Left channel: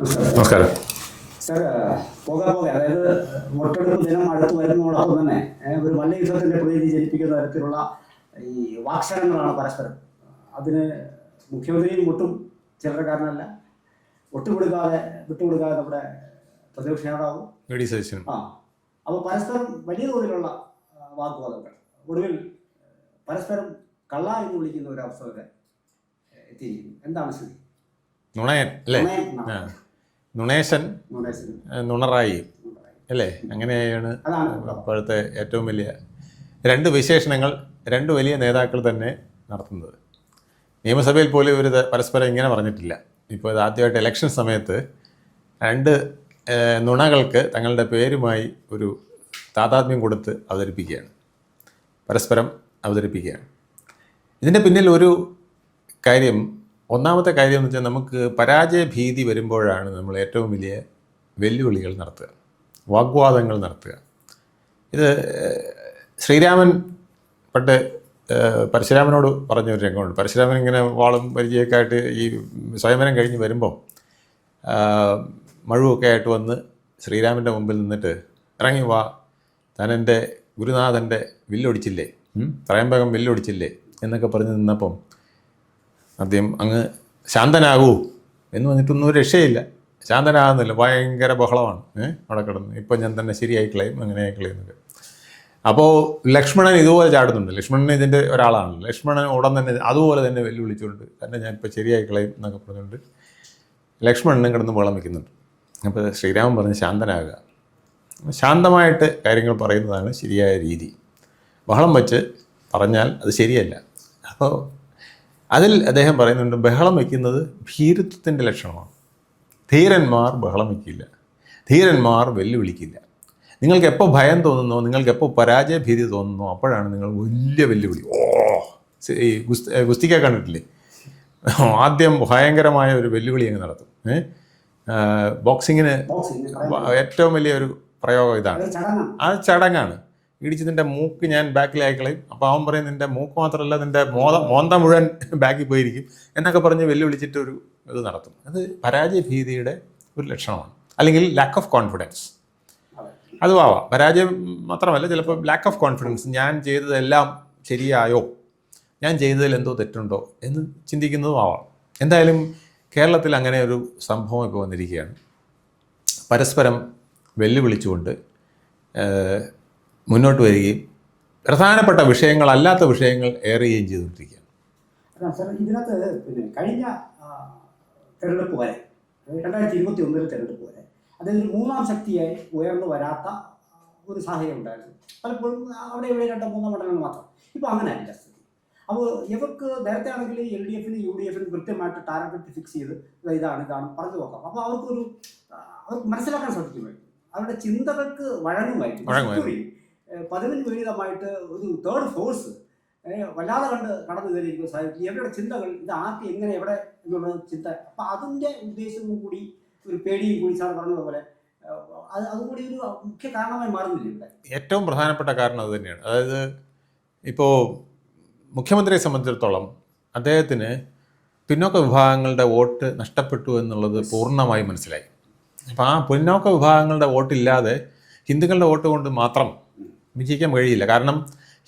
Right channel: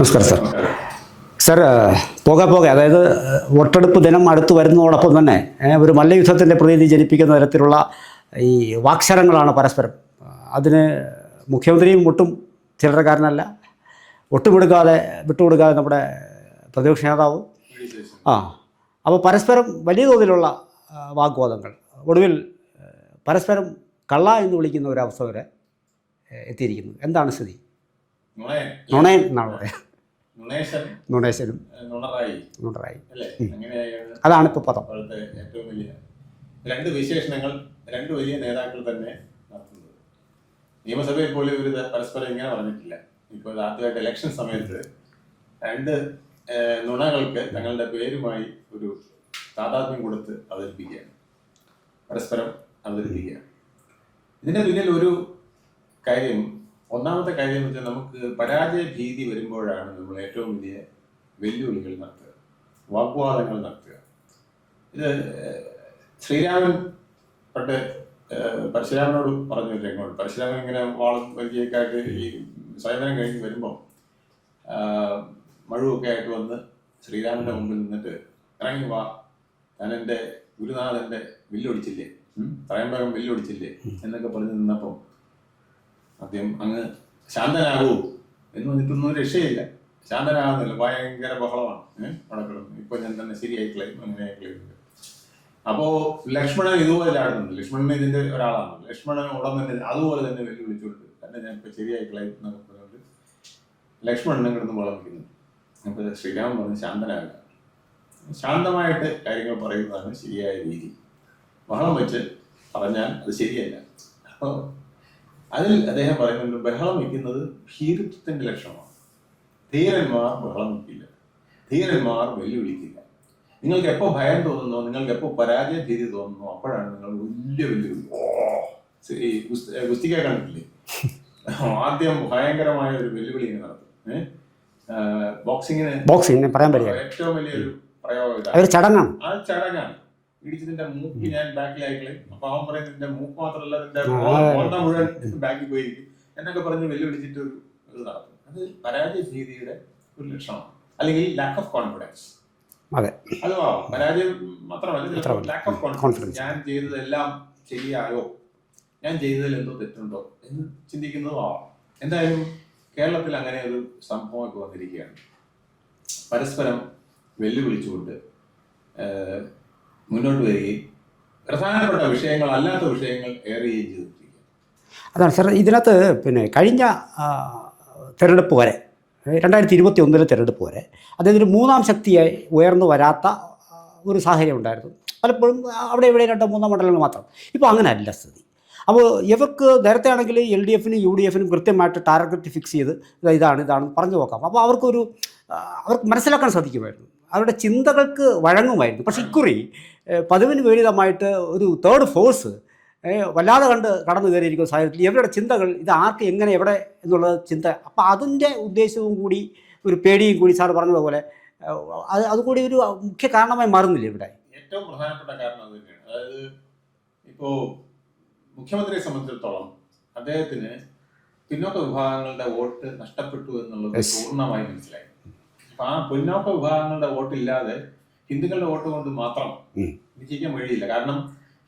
നമസ്കാരം സാർ. നമസ്കാരം. സാർ, പോകെ അതായത് വോട്ടെടുപ്പ് ദിനം അടുത്ത് വരുന്നതോടൊപ്പം തന്നെ ഒരു മല്ലയുദ്ധത്തിൻ്റെ പ്രതീതി ജനിപ്പിക്കുന്ന തരത്തിലുള്ള ഈ വാക്ശരങ്ങളാണ് പരസ്പരം. അതിന് മുഖ്യമന്ത്രിയും ഒട്ടും ചില്ലറക്കാരനല്ല, ഒട്ടുമെടുക്കാതെ വിട്ടുകൊടുക്കാതെ നമ്മുടെ പ്രതിപക്ഷ നേതാവും. അപ്പോൾ പരസ്പരം വലിയ തോതിലുള്ള വാഗ്വാദങ്ങൾ, ഒടുവിൽ പരസ്പരം കള്ള എന്ന് വിളിക്കുന്ന ഒരവസ്ഥ വരെ എത്തിയിരിക്കുന്നു. എന്താണ് സ്ഥിതി? നുണയൻ നുണേശനും നുണറായി അല്ലേ? അങ്ങനെയാണ്. അതാണ് ഇപ്പോൾ അപ്പോഴത്തെ ഏറ്റവും വലിയ രണ്ട് വിശേഷണങ്ങൾ രണ്ട് വലിയ നേതാക്കൾ തന്നെ നടത്തുന്നത്. നിയമസഭയിൽ പോലും ഒരു പരസ്പരം ഇങ്ങനെ പറഞ്ഞിട്ടില്ല. ഇപ്പോൾ ഇത് ആദ്യമായിട്ട് ഇലക്ഷൻ സമയത്ത് രണ്ട് നുണകൾക്ക് തങ്ങളുടെ പേരുമായി ഒരു താതാത്മ്യം കൊടുത്ത് പരസ്പരം അവതരിപ്പിക്കുകയാണ്. ഇതിൻ്റെ പിന്നിൽ ഒരു കാര്യം, ഒന്നാമത്തെ കാര്യം എന്ന് വെച്ചാൽ, നമുക്ക് പരാജയ ഭീതി വരുമ്പോഴാണ് നമ്മൾ ഏറ്റവും വലിയ വെല്ലുവിളികൾ നടത്തുക, വാഗ്വാദങ്ങൾ നടത്തുക. ഇത് ശ്രീരാമൻ പണ്ട് പരശുരാമനോട് പറഞ്ഞൊരു രംഗമുണ്ട്. പരശുരാമൻ ഇങ്ങനെ വാളും പരിചയമൊക്കെ ആയിട്ട് ഈ സ്വയംവരം കഴിഞ്ഞ് വരുമ്പോൾ മഴുവൊക്കെ ആയിട്ട് വന്ന് ശ്രീരാമൻ്റെ മുമ്പിൽ നിന്നിട്ട്, ഇറങ്ങി വാ, താൻ എൻ്റെ ഗുരുനാഥൻ്റെ വില്ലൊടിച്ചില്ലേ, ത്രയംബകം വില്ലൊടിച്ചില്ലേ എന്നൊക്കെ പറഞ്ഞ് നിന്നപ്പം ആദ്യം അങ്ങ് ശാന്തനാകൂ എന്ന് പറഞ്ഞിട്ടൊന്നും രക്ഷയില്ല. ശാന്തനാകുന്നില്ല, ഭയങ്കര ബഹളമാണ് അവിടെ കിടന്ന്. ഇപ്പം ഞാൻ തന്നെ ശരിയായി കളയും, അങ്ങനെ കളയുന്നത്. അപ്പോൾ ലക്ഷ്മണൻ ഇതുപോലെ ചാടുന്നുണ്ട്. ലക്ഷ്മണൻ ഇതിൻ്റെ ഒരാളാണ്. ലക്ഷ്മണൻ ഉടൻ തന്നെ അതുപോലെ തന്നെ വെല്ലുവിളിച്ചുകൊണ്ട് തന്നെ ഞാനിപ്പോൾ ശരിയായി കളയും എന്നൊക്കെ പറഞ്ഞുകൊണ്ട് ലക്ഷ്മണനും കിടന്ന് ബഹളം വയ്ക്കുന്നുണ്ട്. അപ്പോൾ ശ്രീരാമൻ പറഞ്ഞ് ശാന്തനാകുക, ശാന്തമായിട്ട് കാര്യങ്ങൾ പറയുന്നതാണ് ശരിയായ രീതി. ബഹളം വെച്ച് പറഞ്ഞാൽ അത് ശരിയല്ല. അപ്പോൾ അതിൽ അദ്ദേഹം പറയുന്നുണ്ട്, ബഹളം വയ്ക്കുന്നത് ഭീരുത്വത്തിൻ്റെ ലക്ഷണമാണ്. ധീരന്മാർ ബഹളം വയ്ക്കില്ല, ധീരന്മാർ വെല്ലുവിളിക്കില്ല. നിങ്ങൾക്ക് എപ്പോൾ ഭയം തോന്നുന്നോ, നിങ്ങൾക്ക് എപ്പോൾ പരാജയ ഭീതി തോന്നുന്നോ, അപ്പോഴാണ് നിങ്ങൾ വലിയ വെല്ലുവിളി. ഈ ഗുസ്തിക്ക കണ്ടിട്ടില്ലേ? ആദ്യം ഭയങ്കരമായ ഒരു വെല്ലുവിളി അങ്ങ് നടത്തും. ബോക്സിങ്ങിന് പറയാൻ പറ്റില്ല, ഏറ്റവും വലിയ ഒരു പ്രയോഗം ഇതാണ്. ആ ചടങ്ങാണ്. ഇടിച്ച് നിന്റെ മൂക്ക് ഞാൻ ബാക്കിലായിക്കളയും. അപ്പോൾ അവൻ പറയും, നിന്റെ മൂക്ക് മാത്രമല്ല, നിന്റെ മോന്ത മുഴുവൻ ബാക്കിൽ പോയിരിക്കും എന്നൊക്കെ പറഞ്ഞ് വെല്ലുവിളിച്ചിട്ട് ഒരു ഇത് നടത്തും. അത് പരാജയ ഭീതിയുടെ ഒരു ലക്ഷണമാണ്, അല്ലെങ്കിൽ ലാക്ക് ഓഫ് കോൺഫിഡൻസ്. അതെ, അതും ആവാം. പരാജയം മാത്രമല്ല, ചിലപ്പോൾ ലാക്ക് ഓഫ് കോൺഫിഡൻസ്. ഞാൻ ചെയ്തതെല്ലാം ശരിയായോ, ഞാൻ ചെയ്തതിൽ എന്തോ തെറ്റുണ്ടോ എന്ന് ചിന്തിക്കുന്നതും ആവാം. എന്തായാലും കേരളത്തിൽ അങ്ങനെ ഒരു സംഭവം ഇപ്പോൾ വന്നിരിക്കുകയാണ്. പരസ്പരം വെല്ലുവിളിച്ചുകൊണ്ട് മുന്നോട്ട് വരികയും പ്രധാനപ്പെട്ട വിഷയങ്ങളല്ലാത്ത വിഷയങ്ങൾ ഏറുകയും ചെയ്തുകൊണ്ടിരിക്കുകയാണ്. അതാണ് സാർ. ഇതിനകത്ത് കഴിഞ്ഞ തിരഞ്ഞെടുപ്പ് വരെ, 2021 തിരഞ്ഞെടുപ്പ് വരെ അതായത് ഒരു മൂന്നാം ശക്തിയായി ഉയർന്നു വരാത്ത ഒരു സാഹചര്യം ഉണ്ടായിരുന്നു. പലപ്പോഴും അവിടെ ഇവിടെ 2-3 മണ്ഡലങ്ങൾ മാത്രം. ഇപ്പോൾ അങ്ങനെ അല്ല സ്ഥിതി. അപ്പോൾ ഇവർക്ക് നേരത്തെ ആണെങ്കിൽ LDFനും UDFനും കൃത്യമായിട്ട് ടാർഗറ്റ് ഫിക്സ് ചെയ്ത് ഇതാണ് പറഞ്ഞു നോക്കാം. അപ്പോൾ അവർക്ക് മനസ്സിലാക്കാൻ സാധിക്കുമായിരുന്നു, അവരുടെ ചിന്തകൾക്ക് വഴങ്ങുമായിരുന്നു. പക്ഷേ ഇക്കുറി പതിവിന് വിപരീതമായിട്ട് ഒരു തേർഡ് ഫോഴ്സ് വല്ലാതെ കടന്നു കയറിയിരിക്കുന്ന സാഹചര്യത്തിൽ ഇവരുടെ ചിന്തകൾ ഇത് ആർക്ക് എങ്ങനെ എവിടെ എന്നുള്ള ചിന്ത, അപ്പോൾ അതിൻ്റെ ഉദ്ദേശവും കൂടി ഒരു പേടിയും കൂടി സാർ പറഞ്ഞതുപോലെ അതുകൂടി ഒരു മുഖ്യ കാരണമായി മാറുന്നില്ല ഇവിടെ. ഏറ്റവും പ്രധാനപ്പെട്ട കാരണം അത് തന്നെയാണ്. അതായത് ഇപ്പോൾ മുഖ്യമന്ത്രിയെ സംബന്ധിച്ചിടത്തോളം അദ്ദേഹത്തിന് പിന്നോക്ക വിഭാഗങ്ങളുടെ വോട്ട് നഷ്ടപ്പെട്ടു എന്നുള്ളത് പൂർണ്ണമായി മനസ്സിലായി. അപ്പോൾ ആ പിന്നോക്ക വിഭാഗങ്ങളുടെ വോട്ടില്ലാതെ ഹിന്ദുക്കളുടെ വോട്ട് കൊണ്ട് മാത്രം വിജയിക്കാൻ കഴിയില്ല. കാരണം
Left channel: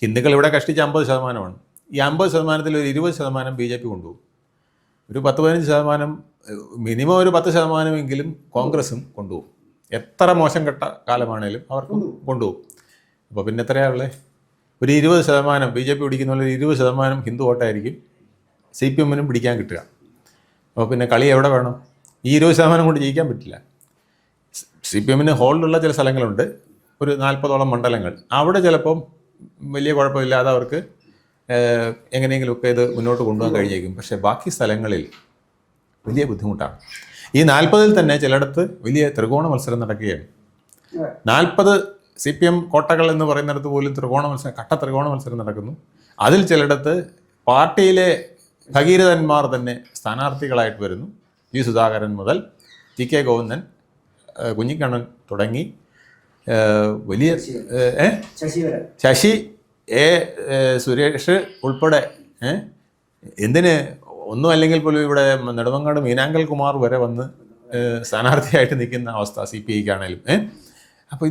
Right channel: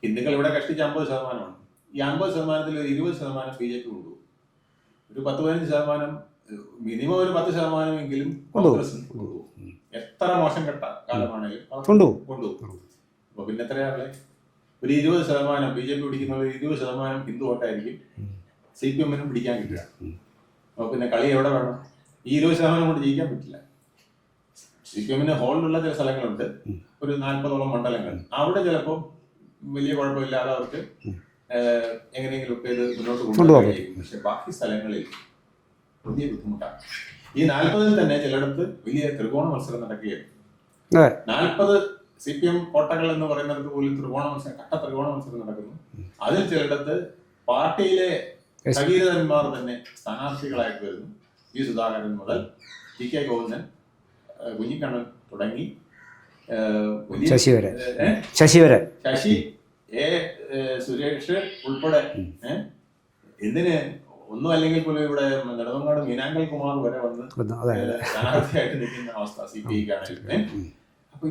ഹിന്ദുക്കൾ ഇവിടെ കഷ്ടിച്ച് 50%. ഈ 50%-ൽ ഒരു 20% BJP കൊണ്ടുപോകും. ഒരു 10-15%, മിനിമം ഒരു 10%-എങ്കിലും കോൺഗ്രസും കൊണ്ടുപോകും. എത്ര മോശം കെട്ട കാലമാണേലും അവർ കൊണ്ടുപോകും. അപ്പോൾ പിന്നെ എത്രയാണുള്ളത്? ഒരു 20% BJP പിടിക്കുന്ന പോലെ 20% ഹിന്ദു വോട്ടായിരിക്കും CPM-നും പിടിക്കാൻ കിട്ടുക. അപ്പോൾ പിന്നെ കളി എവിടെ വേണം? ഈ 20% കൊണ്ട് ജയിക്കാൻ പറ്റില്ല. CPM-ന് ഹോൾഡുള്ള ചില സ്ഥലങ്ങളുണ്ട്, ഒരു 40ഓളം മണ്ഡലങ്ങൾ. അവിടെ ചിലപ്പം വലിയ കുഴപ്പമില്ലാതെ അവർക്ക് എങ്ങനെയെങ്കിലുമൊക്കെ ഇത് മുന്നോട്ട് കൊണ്ടുപോകാൻ കഴിയും. പക്ഷേ ബാക്കി സ്ഥലങ്ങളിൽ വലിയ ബുദ്ധിമുട്ടാണ്. ഈ 40-ൽ തന്നെ ചിലയിടത്ത് വലിയ ത്രികോണ മത്സരം നടക്കുകയാണ്. 40 CPM കോട്ടകൾ എന്ന് പറയുന്നിടത്ത് പോലും കട്ട ത്രികോണ മത്സരം നടക്കുന്നു. അതിൽ ചിലയിടത്ത് പാർട്ടിയിലെ ഭഗീരഥന്മാർ തന്നെ സ്ഥാനാർത്ഥികളായിട്ട് വരുന്നു. സുധാകരൻ മുതൽ TK ഗോവിന്ദൻ, കുഞ്ഞിക്കണ്ണൻ തുടങ്ങി വലിയ ശശി സുരേഷ് ഉൾപ്പെടെ എന്തിന് ഒന്നും അല്ലെങ്കിൽ പോലും ഇവിടെ നെടുമങ്ങാട് മീനാങ്കൽ കുമാർ വരെ വന്ന് അതെ. സ്ഥാനാർത്ഥിയായിട്ട് നിൽക്കുന്ന അവസ്ഥ CPI ക്കാണേലും. അപ്പോൾ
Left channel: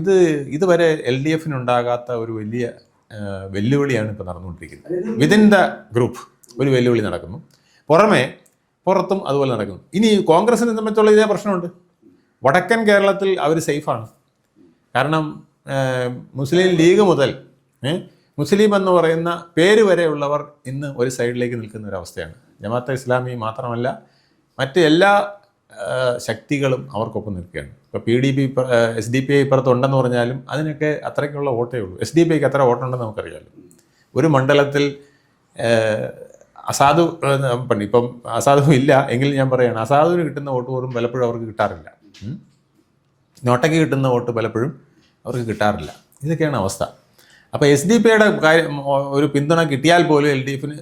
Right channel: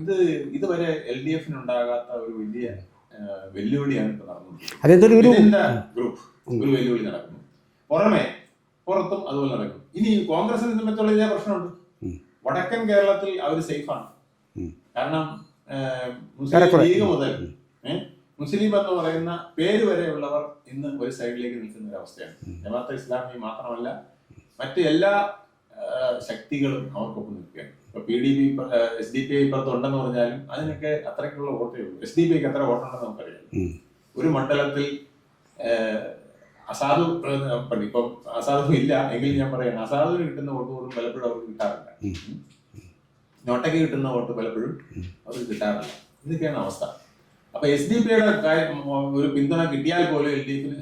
ഇതുവരെ LDF ഉണ്ടാകാത്ത ഒരു വലിയ വെല്ലുവിളിയാണ് ഇപ്പോൾ നടന്നുകൊണ്ടിരിക്കുന്നത്. വിതിൻ ദ ഗ്രൂപ്പ് ഒരു വെല്ലുവിളി നടക്കുന്നു, പുറത്തും അതുപോലെ നടക്കുന്നു. ഇനി കോൺഗ്രസിനെ സംബന്ധിച്ചുള്ള ഇതേ പ്രശ്നമുണ്ട്. വടക്കൻ കേരളത്തിൽ അവർ സേഫാണ്. കാരണം മുസ്ലിം ലീഗ് മുതൽ മുസ്ലിം എന്ന് പറയുന്ന പേര് വരെയുള്ളവർ ഇന്ന് ഒരു സൈഡിലേക്ക് നിൽക്കുന്ന ഒരവസ്ഥയാണ്. ജമാഅത്തെ ഇസ്ലാമി മാത്രമല്ല, മറ്റ് എല്ലാ ശക്തികളും അവർക്കൊപ്പം നിൽക്കുകയാണ്. ഇപ്പോൾ PDP SDPI ഇപ്പുറത്തുണ്ടെന്ന് പറഞ്ഞാലും അതിനൊക്കെ അത്രയ്ക്കുള്ള വോട്ടേ ഉള്ളൂ. SDPIക്ക് അത്ര വോട്ടുണ്ടെന്ന് നമുക്കറിയാമല്ലോ. ഒരു മണ്ഡലത്തിൽ അസാധു, ഇപ്പം അസാധു ഇല്ല എങ്കിലും ഞാൻ പറയുകയാണ്, അസാധുവിന് കിട്ടുന്ന വോട്ട് പോലും പലപ്പോഴും അവർക്ക് കിട്ടാറില്ല. നോട്ടയ്ക്ക് കിട്ടുന്ന വോട്ട് പലപ്പോഴും അവർക്ക് കിട്ടാറില്ല. ഇതൊക്കെയാണ് അവസ്ഥ. അപ്പോൾ SDPIയുടെ ഒരു പിന്തുണ കിട്ടിയാൽ പോലും LDFന്,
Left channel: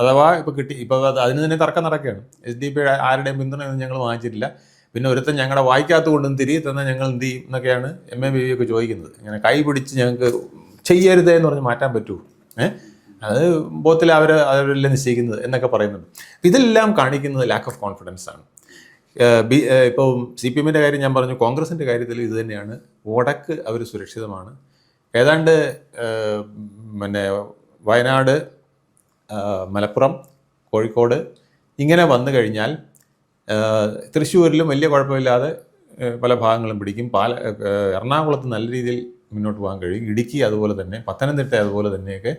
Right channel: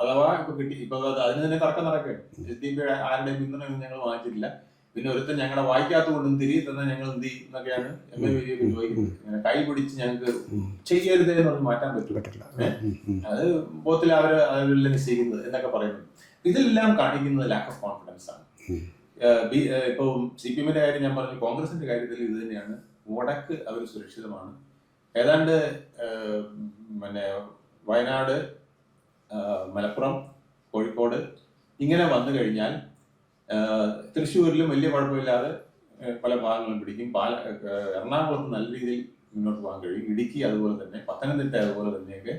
അഥവാ ഇപ്പോൾ അതിന് തന്നെ തർക്കം നടക്കുകയാണ്. SDPI ആരുടെയും പിന്തുണയൊന്നും ഞങ്ങൾ വാങ്ങിച്ചിട്ടില്ല, പിന്നെ ഒരുത്തൻ ഞങ്ങളുടെ വായിക്കാത്ത കൊണ്ടും തിരികെ തന്നാൽ ഞങ്ങൾ എന്ത് ചെയ്യും എന്നൊക്കെയാണ് MABB ഒക്കെ ചോദിക്കുന്നത്. ഇങ്ങനെ കൈ പിടിച്ച് ഞങ്ങൾക്ക് ചെയ്യരുതേ എന്ന് പറഞ്ഞ് മാറ്റാൻ പറ്റില്ല. അത് ബോത്തിൽ അവരല്ലേ നിശ്ചയിക്കുന്നത് എന്നൊക്കെ പറയുന്നത്. ഇതെല്ലാം കാണിക്കുന്നത് ലാക്ക് ഓഫ് കോൺഫിഡൻസ് ആണ്. ഇപ്പോൾ CPMന്റെ കാര്യം ഞാൻ പറഞ്ഞു, കോൺഗ്രസിൻ്റെ കാര്യത്തിൽ ഇത് തന്നെയാണ്. വടക്ക് അവർ സുരക്ഷിതമാണ്. ഏതാണ്ട് പിന്നെ വയനാട്, മലപ്പുറം, കോഴിക്കോട് ഇങ്ങനെ വന്നു കഴിഞ്ഞാൽ തൃശ്ശൂരിലും വലിയ കുഴപ്പമില്ലാതെ പല ഭാഗങ്ങളും പിടിക്കും. എറണാകുളത്ത് നല്ല രീതിയിൽ മുന്നോട്ട് പോകാൻ കഴിയും. ഇടുക്കി അതുപോലെ തന്നെ, പത്തനംതിട്ട അതുപോലെ തന്നെയൊക്കെ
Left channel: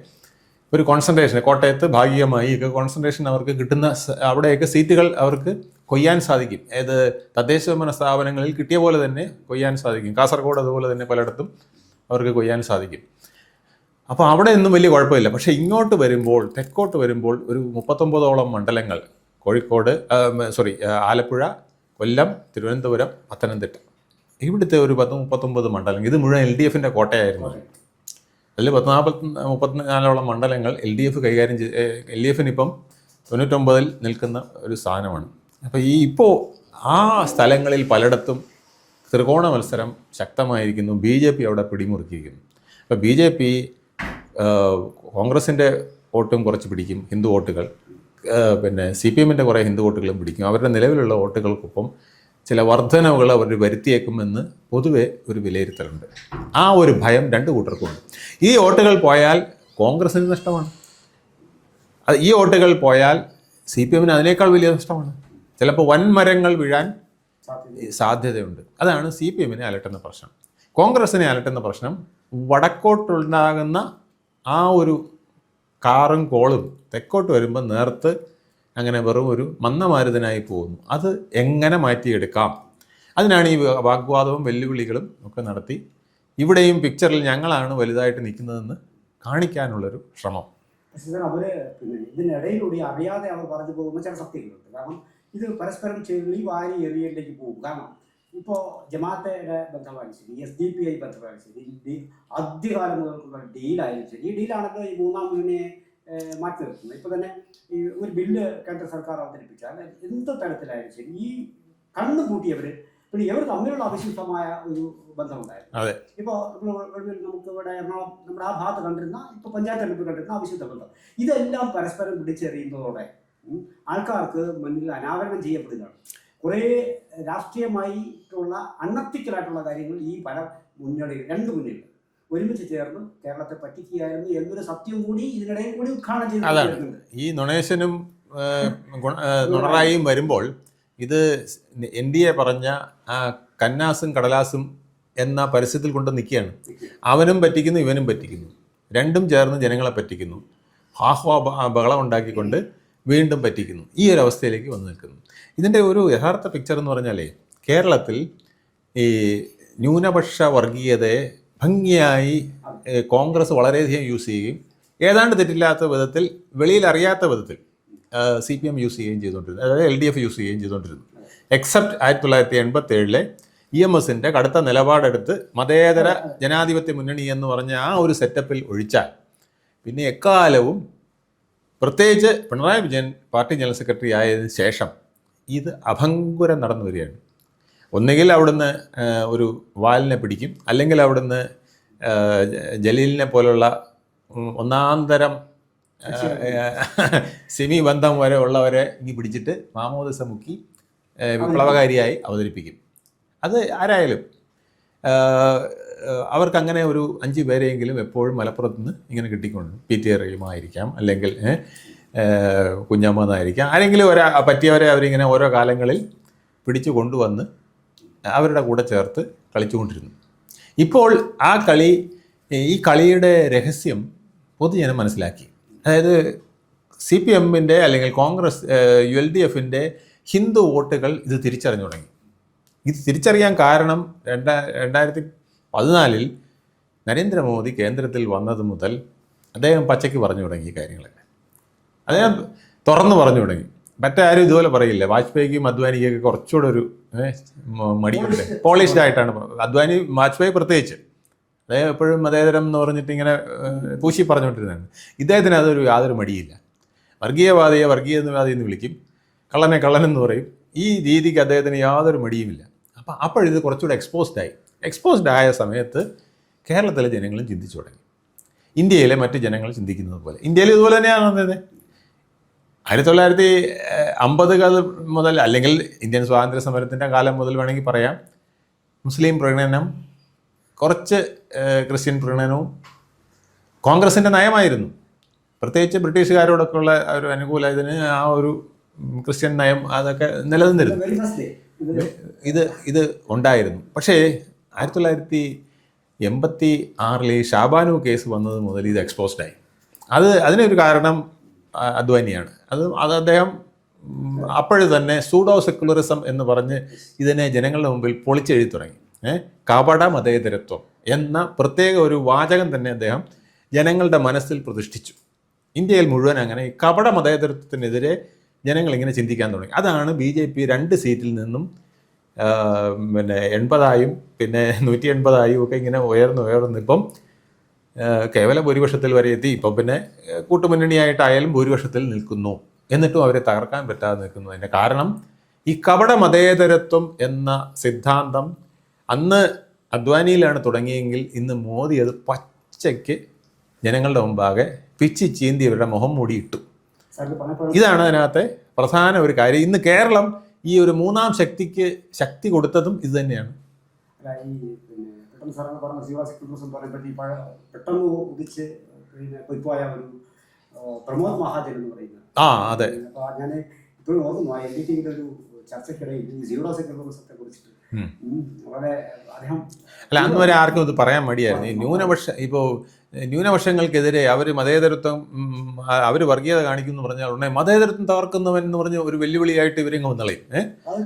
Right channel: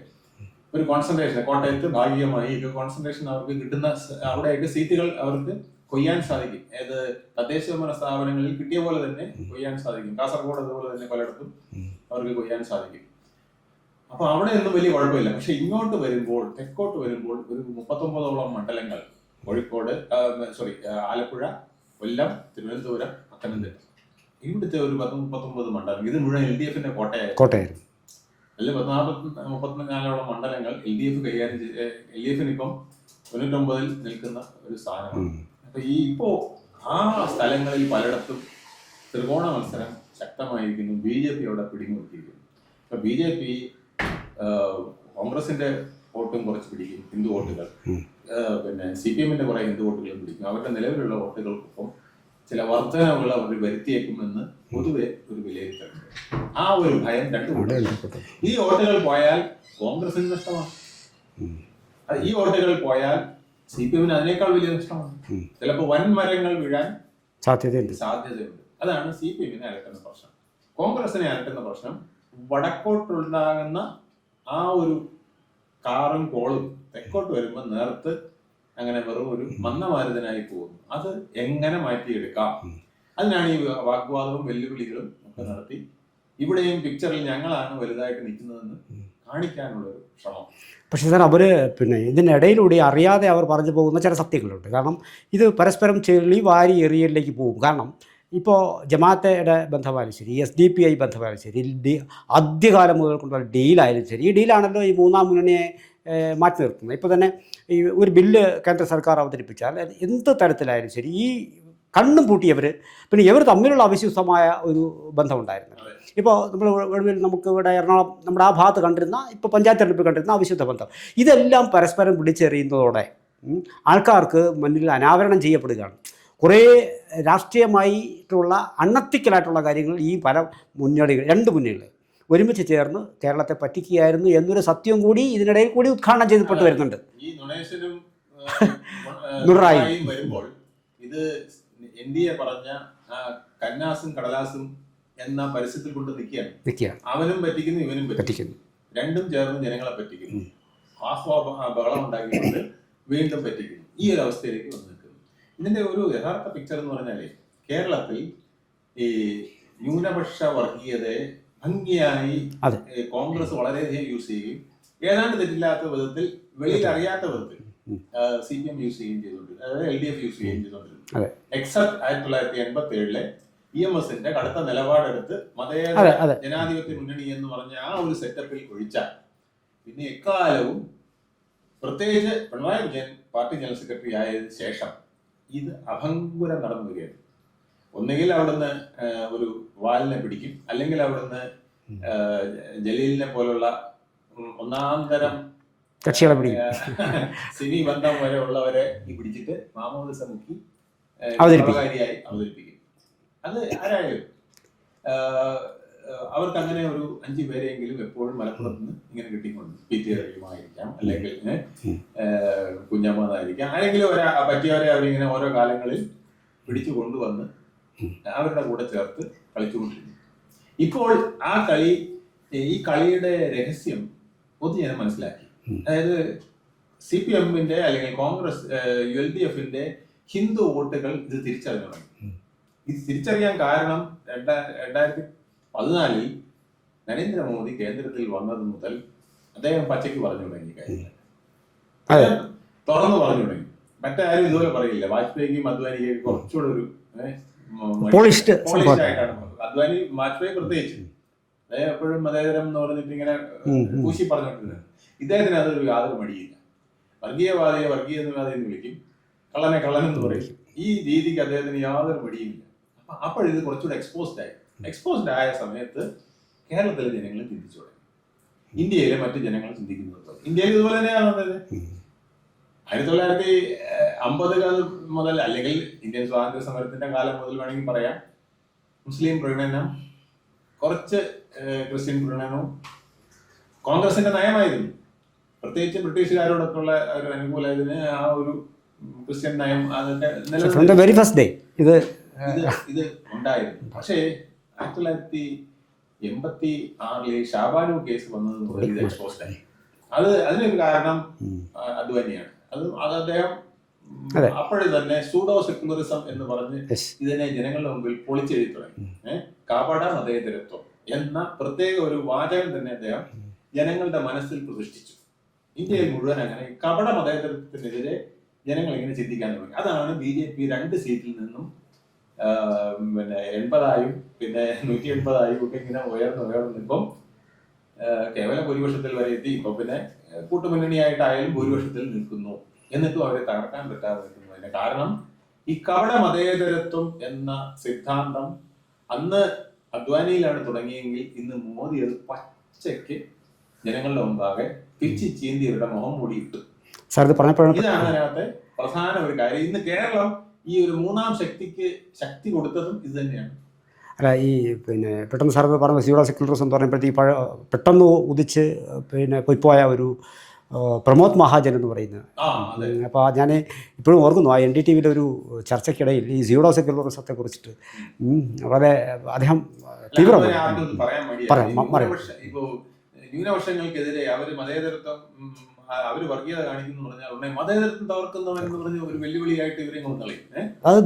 ഒരു കോൺസെൻട്രേഷൻ, കോട്ടയത്ത് ഭാഗികമായി ഒക്കെ കോൺസെൻട്രേഷൻ അവർക്ക് കിട്ടുന്ന അവിടെയൊക്കെ സീറ്റുകൾ അവർക്ക് കൊയ്യാൻ സാധിക്കും. ഏത് തദ്ദേശഭരണ സ്ഥാപനങ്ങളിൽ കിട്ടിയ പോലെ തന്നെ കൊയ്യാൻ സാധിക്കും. കാസർഗോഡ് അതുപോലെ തന്നെ പലയിടത്തും അവർക്ക് കൊയ്യാൻ സാധിക്കും. അപ്പോൾ അവിടെ ഒന്നും വലിയ കുഴപ്പമില്ല. പക്ഷേ ഇങ്ങോട്ട് വരുമ്പോൾ, തെക്കോട്ട് വരുമ്പോൾ ഒരു 39ഓളം മണ്ഡലങ്ങൾ, കോഴിക്കോട്, ആലപ്പുഴ, കൊല്ലം, തിരുവനന്തപുരം, പത്തനംതിട്ട, ഇവിടുത്തെ ഒരു 39 മണ്ഡലങ്ങൾ, ഇത് മുഴുവൻ LDFന്റെ കോട്ടയായിരുന്നു. അതിൽ 34ഓളം മണ്ഡലങ്ങൾ LDF കൈകാര്യം ചെയ്ത്, LDFന് ഇപ്പം 99 നിൽക്കുന്ന ഒരു സ്ഥാനമാണ്. അപ്പോൾ ഇപ്പോൾ ആ സ്ഥലങ്ങളിൽ പലയിടത്തും ത്രികോണ മത്സരം ശക്തമായിരിക്കുന്നു. BJP അവിടെ പിടിമുറുക്കിയിരിക്കുന്നു. അപ്പോൾ BJP കോൺഗ്രസിൻ്റെ വോട്ടും കുറച്ച് പിടിക്കും, ഹിന്ദു വോട്ടുകൾ, പിന്നെ CPMന്റെ കുറേ ഹിന്ദു വോട്ടുകളും പിടിക്കും. അവരുടെ നിലവിലുള്ള വോട്ടുകൾക്കൊപ്പം ചില വർധനവുകൾ അവർ വരുത്തിയേക്കുമെന്ന് പൊതുവെ ഒരു വിലയിരുത്തലുണ്ട്. ആ ഒരു ഭയം രണ്ട് കൂട്ടർക്കും. ഈ വോട്ടുകൾ പോയാൽ കോൺഗ്രസിന് നഷ്ടമാണ്. ഈ വോട്ടുകൾ പോയാൽ CPMന് അതിനേക്കാൾ വലിയ നഷ്ടമാണ്. ചിലപ്പോൾ വൻമരങ്ങൾ വീഴാൻ സാധ്യതയുണ്ട്. അതാണ് CPMനെ അലട്ടുന്ന പ്രശ്നം. കോൺഗ്രസിനെ അലട്ടുന്ന പ്രശ്നം വടക്കോട്ടുണ്ടാകുന്ന ആ ഒരു കാറും കോളും തെക്കോട്ട് വരുമ്പോൾ നേർത്ത് അങ്ങനെ വെറും ഒരു മന്ദമാരുതനായി പോകുന്നു. അത് എങ്ങനെ മാറ്റിയെടുക്കാം? അതിനാണ് ഈ വാഗ്വാദവും വെല്ലുവിളികളും ഒക്കെ നടത്തി ഇവിടെയും പിക്ചറിൽ ഞങ്ങളാണ് വലുതായിട്ട് നിൽക്കുന്നതെന്ന് കാണിക്കാനുള്ളൊരു ശ്രമം. പക്ഷേ സാർ, അവർ പിന്നെ ഇതിനിടയിലൂടെ അറിയാതെ അവർ പറഞ്ഞു പോകുന്ന ചില സത്യങ്ങളുണ്ട്. കാരണം ഇത് പരസ്പരം ചെളി വാരി എറിയലിലേക്ക് പോകും. കാരണം ഇപ്പോൾ ജമാഅത്തയുടെ ബന്ധമായാലും ശരി, SDPI ബന്ധമായാലും ശരി, ആദ്യകാലം മുതൽ കൊണ്ടുള്ള ഡീലായാലും ശരി, ഈ ഡീലാണല്ലോ ഈ മൂന്നാം മുന്നണിയെ മാറ്റി നിർത്തുന്നത്. ഇപ്പോൾ തന്നെ ഈ ഒരു ബില്ല് കേന്ദ്ര സർക്കാർ അവതരിപ്പിച്ചാൽ എന്ത് തരത്തിലായാലും ശരി, ഈ കണ്ണും പൂട്ടിയവർ, പിന്നെ ഇവർ തമ്മിലുള്ള അവിശ്വസ്തമായ ഒരു ബന്ധമുണ്ടായിരുന്നു. ഇപ്പോൾ നമുക്ക് ഇവിടെ എറണാകുളം, നമ്മുടെ ആ ഭാഗത്ത് കണ്ടിരുന്ന, ഇപ്പോൾ പഞ്ചായത്ത് തെരഞ്ഞെടുപ്പ് കണ്ടിരുന്ന അവിശുദ്ധ ബന്ധം, ഇതെല്ലാം പരസ്പരം പിടിച്ചെറിയുന്നതോടെ ആൾക്കാർക്ക് മുന്നിൽ അനാവരണം ചെയ്യപ്പെടുകയാണ്. കുറേ രാഷ്ട്രീയമായിട്ടുള്ള അൺഎത്തിക്കലായിട്ടുള്ള കാര്യങ്ങൾ ഈ പല മുന്നണികൾ, രണ്ട് മുന്നണികൾ ഒരുമിച്ച് ചേർന്ന് കേരളത്തെ പറ്റിക്കുകയായിരുന്നു എന്നൊരു സത്യം കൂടി ഇതിനിടയിൽ കൂടി ഉദ്ഘാടനം ചെയ്ത് വരുന്നുണ്ട്. ഈ നൊണേഷനും നുറായും വരുമ്പോൾ ഇത് NDA പറഞ്ഞ കന്നാസും കടലാസും എന്ന പരസ്യത്തിൽ കൊണ്ട് നിൽക്കുകയാണ്. അവനും പറ്റിക്കുന്നു, ഇവനും പറ്റിക്കുന്നു, രണ്ടും ചേർന്ന് ജനങ്ങളെ പറ്റിക്കുന്നു, ബഹളം ഉണ്ടാക്കിക്കൊണ്ട് വീണ്ടും പറ്റിക്കുന്നു. ഈ ഒരു അവസ്ഥയിലേക്ക് വന്ന് നിൽക്കുന്നു. ഇതിൻ്റെ ഒരു യഥാർത്ഥ പിക്ചർ എന്ന് പറഞ്ഞാലേ, കേരളത്തിൽ ഈ ന്യൂനപക്ഷ വർഗീയതയെ ഭംഗിയായി കോൺഗ്രസ് വളരെയധികം യൂസ് ചെയ്യുകയും ഏതാണ്ട് തെറ്റില്ലാത്ത വിധത്തിൽ, വെളിയിൽ അറിയാത്ത വിധത്തിൽ CPM യൂസ് ചെയ്യുകയും ചെയ്തുകൊണ്ടിരുന്നു, അതായത് LDF യൂസ് ചെയ്യുകയും ചെയ്തുകൊണ്ടിരുന്നു. എക്സെപ്റ്റ് 1987 EMSന്റെ കടുത്ത നിലപാടെടുത്ത് മതേതര ജനാധിപത്യ മുന്നണി എന്ന് പറഞ്ഞ ആ ഒരു സെറ്റപ്പിൽ ഒഴിച്ചാൽ പിന്നെ എക്കാലവും, പ്രത്യേകിച്ച് Pinarayi Vijayan party general secretary ആയതിനു ശേഷം ഇത് അഭംഗുരം നടന്നു വരികയാണ്. ഒന്നുകിൽ അവിടുന്ന് ഒരു വാലിനെ പിടിക്കും, അല്ലെങ്കിൽ അവിടുന്ന് ജലീലിനെ പോലുള്ള ഒന്നാന്തരം കക്ഷികളെ പിടി. സിമി ബന്ധം വരെ ഉള്ളവരെ ഇനി പിടിച്ചിട്ട് മാമോദിസ മുക്കി വിപ്ലവകാരിയായി അവതരിപ്പിക്കും. അത് ആരായാലും അവർക്ക് അങ്ങനെ ഒരു 5 പേരെയെങ്കിലും എപ്പോഴും മലപ്പുറത്ത് നിന്ന് ഇങ്ങനെ കിട്ടിക്കൊണ്ട് PT റഹീമായിരിക്കാം, അല്ലെങ്കിൽ കുഞ്ഞമ്മന്നായിരിക്കാം, ആരെങ്കിലും പറ്റിയവരെ അവരിങ്ങനെ ഓരോ കാലങ്ങളിൽ പിടിച്ചു കൊണ്ടുവന്ന് അവരുടെ കൂടെ ചേർത്ത് കളിച്ചുകൊണ്ടിരുന്നു. ഇപ്പോൾ ഈ കളിയുടെ രഹസ്യം പൊതുജനം മനസ്സിലാക്കി. അതായത് CPM-ന്റെ അല്ലെങ്കിൽ കോൺഗ്രസ് LDF-ന്റെ ഹിന്ദു വോട്ടുകൾ ഇത് തിരിച്ചറിഞ്ഞു തുടങ്ങി. ഇത് തിരിച്ചറിയാൻ കാരണം 2014 നരേന്ദ്രമോദി കേന്ദ്രത്തിൽ വന്നത് മുതൽ അദ്ദേഹം പച്ചയ്ക്ക് പറഞ്ഞു തുടങ്ങി കാര്യങ്ങളൊക്കെ. അദ്ദേഹം തുറന്നു പറഞ്ഞു തുടങ്ങി. മറ്റാരും ഇതുപോലെ പറയില്ല. വാജ്പേയിക്കും അദ്വാനിക്കൊക്കെ കുറച്ചുകൂടെ ഒരു പോളിഷ്ഡ് ആയിട്ടാണ് അദ്വാനി, വാജ്പേയി പ്രത്യേകിച്ച്. അദ്ദേഹം എപ്പോഴും മതേതരം എന്ന് പറഞ്ഞിട്ട് ഇങ്ങനെ പൂശി പറഞ്ഞുകൊണ്ടിരുന്നതാണ്. ഇദ്ദേഹത്തിന് യാതൊരു മടിയില്ല. വർഗീയവാദിയെ വർഗീയവാദി എന്ന് വിളിക്കും, കള്ളനെ കള്ളനെന്ന് പറയും. ഈ രീതിക്ക് അദ്ദേഹത്തിന് യാതൊരു മടിയുമില്ല. അപ്പോഴിത് കുറച്ചുകൂടെ എക്സ്പോസ്ഡ് ആയ സമയത്ത് കേരളത്തിലെ ജനങ്ങളും ചിന്തിച്ചു തുടങ്ങി. ഇന്ത്യയിലെ മറ്റ് ജനങ്ങൾ ചിന്തിക്കുന്നത് പോലെ ഇന്ത്യയിൽ ഇതുപോലെ തന്നെയാണ് വന്നത്. 1950 മുതൽ, അല്ലെങ്കിൽ ഇന്ത്യൻ സ്വാതന്ത്ര്യ സമരത്തിൻ്റെ കാലം മുതൽ വേണമെങ്കിൽ പറയാം, മുസ്ലിം പ്രീണനം, കുറച്ച് ക്രിസ്ത്യൻ പ്രീണനവും കോൺഗ്രസിൻ്റെ നയമായിരുന്നു. പ്രത്യേകിച്ച് ബ്രിട്ടീഷുകാരോടൊക്കെയുള്ള ഒരു അനുകൂലത്തിന് ആ ഒരു ക്രിസ്ത്യൻ നയം അതൊക്കെ നിലനിന്നിരുന്നു. വെരി ഫസ്റ്റ് ഡേ ഇത് ഉണ്ടായിരുന്നു. പക്ഷേ 1986 ഷാബാനു കേസ് വന്നത് മുതൽ ഇത് എക്സ്പോസ്ഡായി. അതിനൊരു കാരണം അദ്വാനിയാണ്. അത് അദ്ദേഹം അപ്പോഴേ തന്നെ സൂഡോ സെക്കുലറിസം എന്ന് പറഞ്ഞ് ഇതിനെ ജനങ്ങളുടെ മുമ്പിൽ പൊളിച്ചെഴുതി തുടങ്ങി. കപട മതേതരത്വം എന്ന പ്രത്യേക ഒരു വാചകം തന്നെ അദ്ദേഹം ജനങ്ങളുടെ മനസ്സിൽ പ്രതിഷ്ഠിച്ചു. ഇന്ത്യയിൽ മുഴുവൻ അങ്ങനെ കപട മതേതരത്വത്തിനെതിരെ ജനങ്ങളിങ്ങനെ ചിന്തിക്കാൻ തുടങ്ങി. അതാണ് BJP 2 സീറ്റിൽ നിന്നും 80 പിന്നെ 180 ഒക്കെ ഇങ്ങനെ ഉയർന്ന് ഇപ്പം കേവല ഭൂരിപക്ഷത്തിൽ വരെ എത്തി. ഇപ്പം പിന്നെ കൂട്ടുമുന്നണിയായിട്ടായാലും ഭൂരിപക്ഷത്തിൽ നിൽക്കുന്നു. എന്നിട്ടും അവരെ തകർക്കാൻ പറ്റാതെ നിൽക്കുന്നതിൻ്റെ കാരണം ഈ കപട മതേതരത്വം എന്ന സിദ്ധാന്തം അന്ന് അദ്വാനിയിലാണ് തുടങ്ങിയെങ്കിൽ ഇന്ന് മോദി അത് പച്ചയ്ക്ക് ജനങ്ങളുടെ മുമ്പാകെ പിച്ചി ചീന്തി അവരുടെ മുഖം മൂടിയിട്ടു. ഇതാണ് അതിനകത്തെ പ്രധാന ഒരു കാര്യം. ഇന്ന് കേരളം ഈ ഒരു മൂന്നാം ശക്തിക്ക് ശക്തി കൊടുത്തതും ഇത് തന്നെയാണ്. അല്ല, ഈ പെട്ടെന്ന് സാർ പറഞ്ഞ സീറോ സെക്യുലറിസം എന്ന് പറയുമ്പോഴത്തേക്ക് പെട്ടെന്ന് ഉദിച്ച് പോയിപ്പോയ ഒരു പ്രമോദ് മഹാജൻ എന്ന് പറയുന്നത്. അതെ. അപ്പോൾ ഞാൻ ഇപ്പോഴും ഓർക്കുന്നു, ആ NDTV-യുടെ ഒരു ചർച്ചയ്ക്കിടയിൽ ഈ സീറോ സെക്യുലറിസത്തെ കുറിച്ചിട്ട് വളരെ അദ്ദേഹം ആർക്കും ഇത് പറയാൻ മടിയായിരുന്നു. ഇപ്പോൾ ന്യൂനപക്ഷങ്ങൾക്കെതിരെ അവർ മതേതരത്വം, അവർ വർഗീയത കാണിക്കുന്നു പറഞ്ഞാൽ ഉടനെ മതേതരത്വം തകർക്കുന്നവൻ എന്ന് പറഞ്ഞ് ഒരു വെല്ലുവിളിയായിട്ട് ഇവരെങ്ങ് വന്നളയും.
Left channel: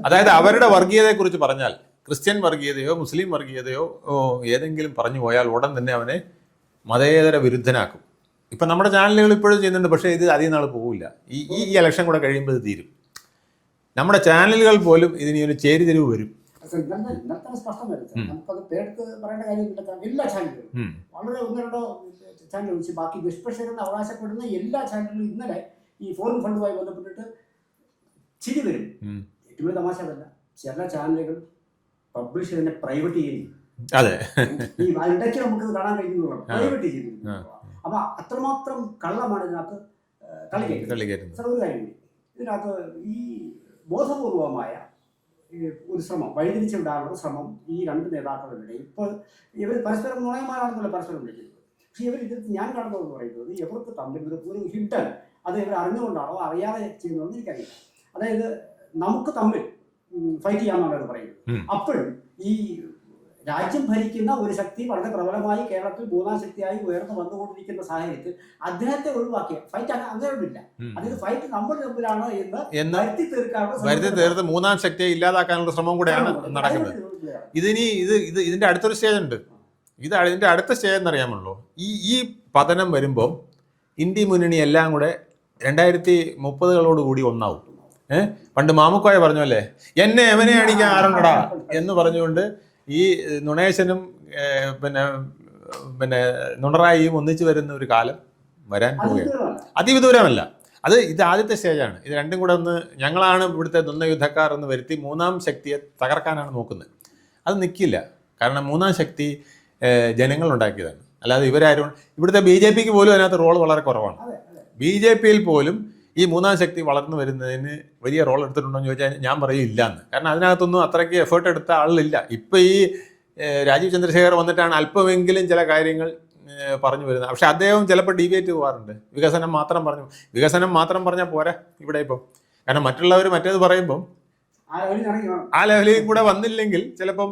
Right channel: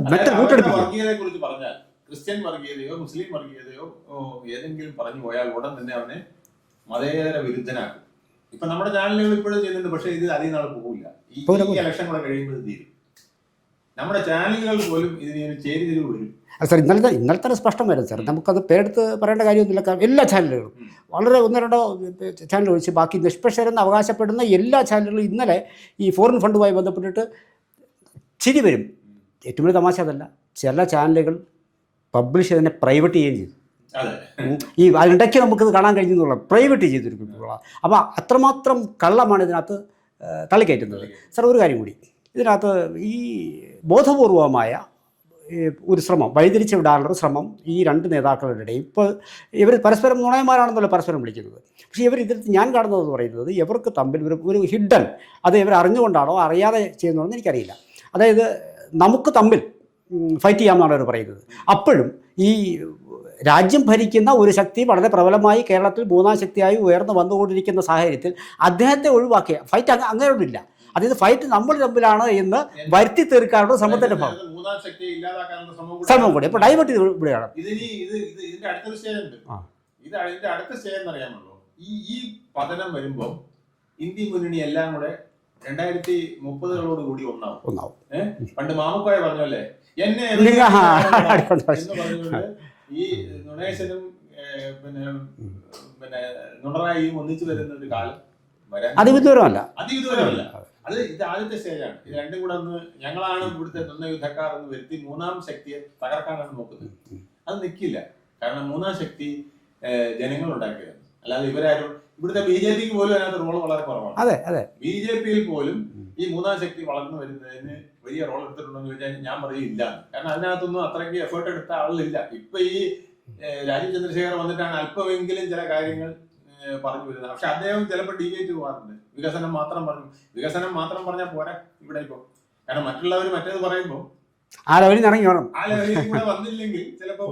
അതായത് അവരുടെ വർഗീയതയെക്കുറിച്ച് പറഞ്ഞാൽ, ക്രിസ്ത്യൻ വർഗീയതയോ മുസ്ലിം വർഗീയതയോ ഏതെങ്കിലും പറഞ്ഞു പോയാൽ ഉടൻ തന്നെ അവനെ മതേതര വിരുദ്ധനാക്കും. ഇപ്പം നമ്മുടെ ചാനലുകൾ ഇപ്പോഴും ചെയ്യുന്നുണ്ട്. പക്ഷേ ഇത് അധികം നാൾ പോകില്ല. ഈ ഇലക്ഷൻ കൂടെ കഴിയുമ്പോൾ ഇത് തീരും. നമ്മുടെ ചാനലുകൾ പോലും ഇതിന് ഒരു ചേരിതിരിവ് വരും. സാർ ഇന്നലത്തെ സ്പഷ്ടം വരും സാർ. നമുക്കത് പേരെടുത്ത് പറയേണ്ട കാര്യമൊന്നുമില്ല. എല്ലാ ചാനലുകളും വളരെ 1-2 ചാനൽ ഒഴിച്ച് ബാക്കി നിഷ്പക്ഷരെന്ന് അവകാശപ്പെടുന്ന എല്ലാ ചാനലുകളും ഇന്നലെ ഈ ഫോറിൻ ഫണ്ടുമായി ബന്ധപ്പെട്ടിട്ട് ചിരി വരും. ഏറ്റവും വലിയ തമാശ അതല്ല, ചില ചാനലുകൾ പബ്ലിഷ് ചെയ്തതിനെ പ്രൈവറ്റ് ചെയ്യുകയും ചെയ്തു. അതെ, ഈ അതിനിടയ്ക്ക് നമുക്കിത് കാണാൻ കഴിഞ്ഞെന്നുള്ള പ്രൈവറ്റ് ചെയ്തിരിക്കുന്നു. അപ്പോൾ അത്രമാത്രം കള്ളമാണ് ഇതിനകത്ത് തള്ളിക്കയറ്റുന്നത്. സാർ ഒരു കാര്യം കൂടി, ഇതിനകത്ത് ഈ ബോധപൂർവമായ ഒരു ശ്രമം, വഴിതിരിച്ച് വിടാനുള്ള ശ്രമം ഈ 2 നേതാക്കളുടെ ഇടയിൽ. ഇപ്പോൾ ഇവർ പരസ്പരം നുണയന്മാരാണെന്നല്ലോ പരസ്പരം വിളിക്കുന്നത്. പക്ഷേ ഇതിനകത്ത് ഞാൻ കാണുന്നതെന്ന് പറയുന്നത് ഇവർക്ക് തമ്മിൽ ഒരു ഹിഡൻ, അത് ഇവർ അറിഞ്ഞുകൊണ്ടാണോ അറിയാതെ ചെയ്യുന്നതെന്ന് എനിക്കറിയില്ല. അതായത് നമുക്ക് തമ്മിൽ ഫൈറ്റ് ചെയ്യാമെന്നാണ് അവർ പറയുന്നത്. അപ്പോഴും ഈ രാജ്യം ഭരിക്കുന്ന ഒരു ശക്തി വളരെ പ്രബലമായി കേരളത്തിൽ 3ാം ശക്തിയായി ഉയർന്നു വന്നുകൊണ്ടിരിക്കുന്ന സാഹചര്യത്തിൽ അദ്ദേഹത്തെ ഒഴിവാക്കിയ ഫൈറ്റ് അങ്ങനെയൊന്നുമില്ല. അതായത് ഫൈറ്റ് നമ്മൾ തമ്മിലാണ് എന്ന് വരുത്തി തീർക്കാനുള്ള ശ്രമത്തിന്റെ 3ാം ശക്തിയെ ഇല്ലാതാക്കാനുള്ള ശ്രമം കൂടി ഡൈവേർട്ട് ഇവിടെയാണ്. ഇതിന്റെ അടുത്തൊരു സ്റ്റേജ് ഉണ്ട്. ഇതിന്റെ അടുത്ത സ്റ്റേജ് എന്നറിയാമല്ലോ. ഈ പതനം വരുമ്പോൾ ഇന്ത്യ മുന്നണി എല്ലാം കൂടെ 2030 കൂടി ഒന്നാവും. പണ്ട് മാമുക്കോയ പറഞ്ഞല്ലേ, എന്നെ എന്ന് പറഞ്ഞുകൊണ്ട് ഈ നുണേശനും പിന്നെ നുണറായിയും ഒന്നിച്ചു വരുന്ന ഒരു കാലം വരാൻ അതിവിദൂരമല്ല. ഇത് ആദ്യത്തെ സ്റ്റേജാണ്. ഇത് രണ്ടും കൂടെ ഒന്ന് ഞങ്ങളാണ് ഇവിടുത്തെ ദ്വന്ദ്വയുദ്ധക്കാർ എന്ന് വരുത്തി 3ാം ശക്തിയെ തകർക്കാനാണ് നോക്കുന്നത്. അത് നിൽക്കില്ല. കാരണം 3ാം ശക്തി ജനങ്ങൾ ഉണ്ടാക്കിയതാണ്. അല്ലാതെ ഇവരാരും ഇവിടുത്തെ BJP പോലും അതിനകത്ത് റോൾ വളരെ കുറവാണ്. അതെ അതെ BJP പോലും ഈ മൂന്നാം ശക്തി വളർന്നു വരുന്നതിന് വലിയ റോൾ എടുത്തിട്ടുണ്ടോ എന്ന് ചോദിച്ചാൽ ഞാൻ പറയും ഇല്ലാന്ന്. കാരണം അതിനകത്തൊന്നും അത്രയ്ക്ക് എഫേർട്ട് എടുത്ത ആളില്ല. ഇപ്പം ഈ രാജീവ് ചന്ദ്രശേഖർ വന്നിട്ടാണ് അല്പമെങ്കിലും ചില കാര്യങ്ങൾ പറഞ്ഞു വരുന്നത്. പക്ഷെ അദ്ദേഹം ചിലപ്പോൾ ഡിബേറ്റ് പോകാറുണ്ട്. വികസനം മാത്രം പറഞ്ഞാൽ പോരാ ഇവിടെ ഇപ്പം. കാരണം മറ്റുള്ളവർ മറ്റേത് പറയുമ്പം ആ ലെവലിൽ നിന്ന് ഇറങ്ങി വേണം. ആ ലെവലിൽ കൂടെ വന്നില്ലെങ്കിൽ ചിലപ്പം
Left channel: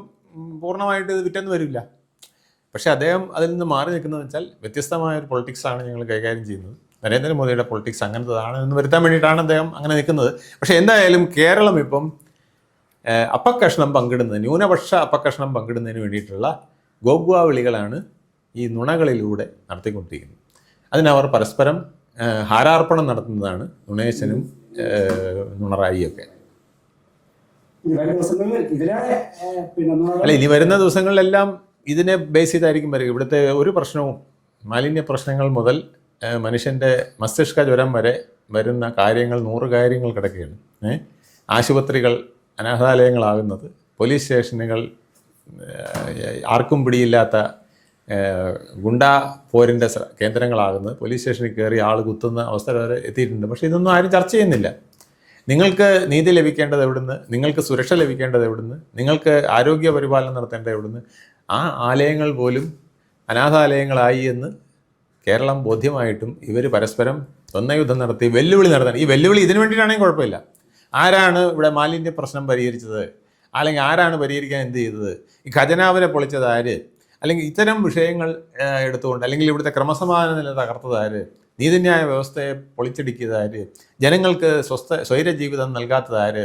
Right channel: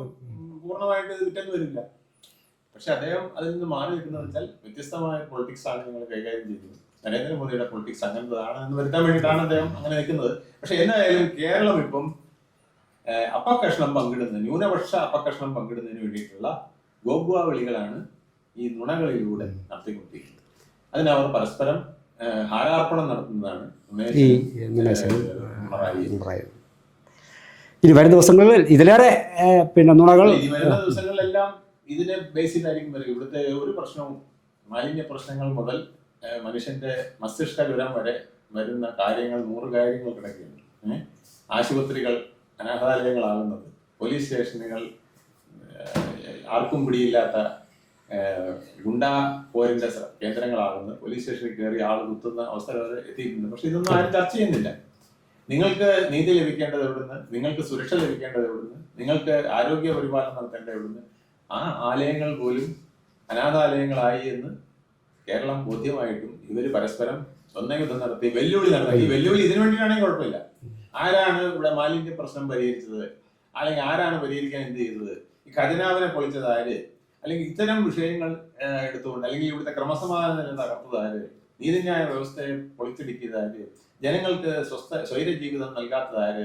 പൂർണ്ണമായിട്ട് ഇത് വിറ്റെന്ന് വരില്ല. പക്ഷെ അദ്ദേഹം അതിൽ നിന്ന് മാറി നിൽക്കുന്നത് വെച്ചാൽ വ്യത്യസ്തമായ ഒരു പൊളിറ്റിക്സാണ് ഞങ്ങൾ കൈകാര്യം ചെയ്യുന്നത്. നരേന്ദ്രമോദിയുടെ പൊളിറ്റിക്സ് അങ്ങനത്തതാണ് എന്ന് വരുത്താൻ വേണ്ടിയിട്ടാണ് അദ്ദേഹം അങ്ങനെ നിൽക്കുന്നത്. പക്ഷെ എന്തായാലും കേരളം ഇപ്പം അപ്പക്കഷ്ണം പങ്കിടുന്നത്, ന്യൂനപക്ഷ അപ്പക്കഷ്ണം പങ്കിടുന്നതിന് വേണ്ടിയിട്ടുള്ള ഗോഗ്വാ വിളികളാണ് ഈ നുണകളിലൂടെ നടത്തിക്കൊണ്ടിരിക്കുന്നത്. അതിനവർ പരസ്പരം ഹാരാർപ്പണം നടത്തുന്നതാണ് നുണേശ്വരും നുണറായിയും. ഇനി വരുന്ന ദിവസങ്ങളിൽ ഇതിലേറെ നുണകൾ ഇനി വരുന്ന ദിവസങ്ങളിലെല്ലാം ഇതിനെ ബേസ് ചെയ്തായിരിക്കും വരിക. ഇവിടുത്തെ ഒരു പ്രശ്നവും മാലിന്യ പ്രശ്നങ്ങൾ മുതൽ മനുഷ്യൻ്റെ മസ്തിഷ്ക ജ്വരം വരെ വരുന്ന കാര്യങ്ങൾ 100 കാര്യങ്ങൾ കിടക്കുകയാണ്. ആശുപത്രികൾ അനാഥാലയങ്ങളാകുന്നത്, പോലീസ് സ്റ്റേഷനുകൾ ആർക്കും പിടിയില്ലാത്ത ഗുണ്ടാ പോരിൻ്റെ കേന്ദ്രങ്ങളാകുന്നത്, പോലീസ് സ്റ്റേഷനിൽ കയറി ആൾ കുത്തുന്ന അവസ്ഥ വരെ എത്തിയിട്ടുണ്ട്. പക്ഷേ ഇതൊന്നും ആരും ചർച്ച ചെയ്യുന്നില്ല. നിങ്ങൾക്ക് നീതി ലഭിക്കേണ്ടത് എവിടുന്ന്, നിങ്ങൾക്ക് സുരക്ഷ ലഭിക്കേണ്ടത് എവിടുന്ന്, നിങ്ങൾക്ക് ആരോഗ്യ പരിപാലനം നടത്തേണ്ടത് എവിടുന്ന്? ആ ആലയങ്ങൾ പോലും അനാഥാലയങ്ങളായി എന്ന് കേരളം ബോധ്യമായിട്ടും ഇവർ പരസ്പരം യുദ്ധം നടത്തി വെല്ലുവിളി നടത്തണം. ഈ വെല്ലുവിളി ഇതിനു വേണ്ടിയിട്ടാണെങ്കിൽ കുഴപ്പമില്ല. ആരാണ് ഇവിടെ മാലിന്യ പ്രശ്നം പരിഹരിച്ചത്? അല്ലെങ്കിൽ ആരാണ് പരിഹരിക്കാൻ എന്ത് ചെയ്തത്? ഈ ഖജനാവിനെ പൊളിച്ചത് ആര്? അല്ലെങ്കിൽ ഇത്തരം വിഷയങ്ങൾ എടുത്തുകൊണ്ട്, അല്ലെങ്കിൽ ഇവിടുത്തെ ക്രമസമാധാന നില തകർത്തത് ആര്? നീതിന്യായ വ്യവസ്ഥയെ പൊളിച്ചടിക്കിയത് ആര്? ജനങ്ങൾക്ക് സ്വൈര ജീവിതം നൽകാത്തത് ആര്?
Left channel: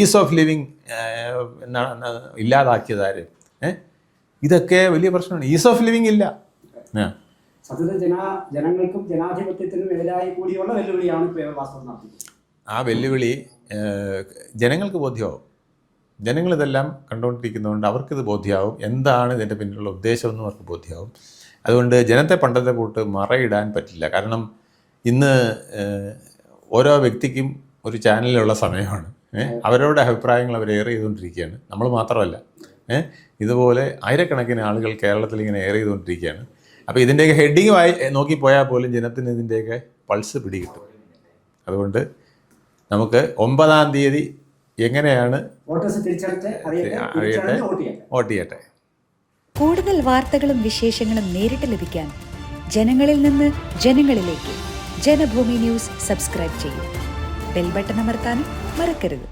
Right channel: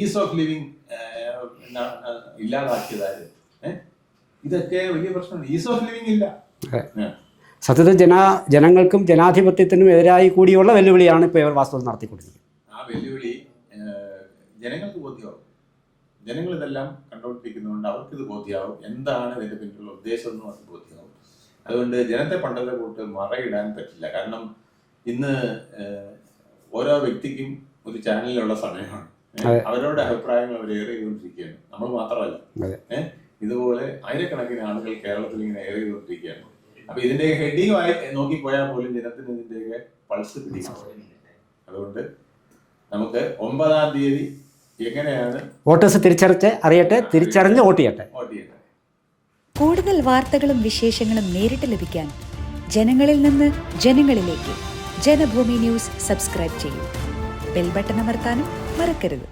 ഈസ് ഓഫ് ലിവിങ് ഇല്ലാതാക്കിയത് ആര്? ഇതൊക്കെ വലിയ പ്രശ്നമാണ്. ഈസ് ഓഫ് ലിവിങ് ഇല്ല. സത്യത്തിൽ ജനങ്ങൾക്കും ജനാധിപത്യത്തിനും എതിരായി കൂടിയുള്ള വെല്ലുവിളിയാണ് ഇപ്പോൾ ഇവർ വാസ്തവം നടത്തിക്കൊണ്ടിരിക്കുന്നത്. ആ വെല്ലുവിളി ജനങ്ങൾക്ക് ബോധ്യമാവും. ജനങ്ങളിതെല്ലാം കണ്ടുകൊണ്ടിരിക്കുന്നതുകൊണ്ട് അവർക്കിത് ബോധ്യമാവും. എന്താണ് ഇതിൻ്റെ പിന്നിലുള്ള ഉദ്ദേശമെന്നും അവർക്ക് ബോധ്യമാവും. അതുകൊണ്ട് ജനത്തെ പണ്ടത്തെ കൂട്ട് മറയിടാൻ പറ്റില്ല. കാരണം ഇന്ന് ഓരോ വ്യക്തിക്കും ഒരു ചാനലിലുള്ള സമയമാണ്. അവരുടെ അഭിപ്രായങ്ങൾ അവർ എയർ ചെയ്തുകൊണ്ടിരിക്കുകയാണ്. നമ്മൾ മാത്രമല്ല, ഇതുപോലെ ആയിരക്കണക്കിന് ആളുകൾ കേരളത്തിൽ ഇങ്ങനെ എയർ ചെയ്തുകൊണ്ടിരിക്കുകയാണ്. അപ്പോൾ ഇതിൻ്റെയൊക്കെ ഹെഡിങ് നോക്കി പോയാൽ പോലും ജനത്തിന് ഇതിൻ്റെയൊക്കെ പൾസ് പിടിക്കും. അതുകൊണ്ട് നമുക്ക് 9-ാം തീയതി എങ്ങനെയാണ് വോട്ടേഴ്സ് തിരിച്ചറിഞ്ഞ് വോട്ട് ചെയ്യട്ടെ. കൂടുതൽ വാർത്തകളും വിശേഷങ്ങളും നേരിട്ട് ലഭിക്കാൻ ജനങ്ങളിൽ നിന്ന് ജനങ്ങളിലേക്ക് ജനഭൂമി ന്യൂസ് സബ്സ്ക്രൈബ് ചെയ്യൂ. ബെൽ ബട്ടൺ അമർത്താനും മറക്കരുത്.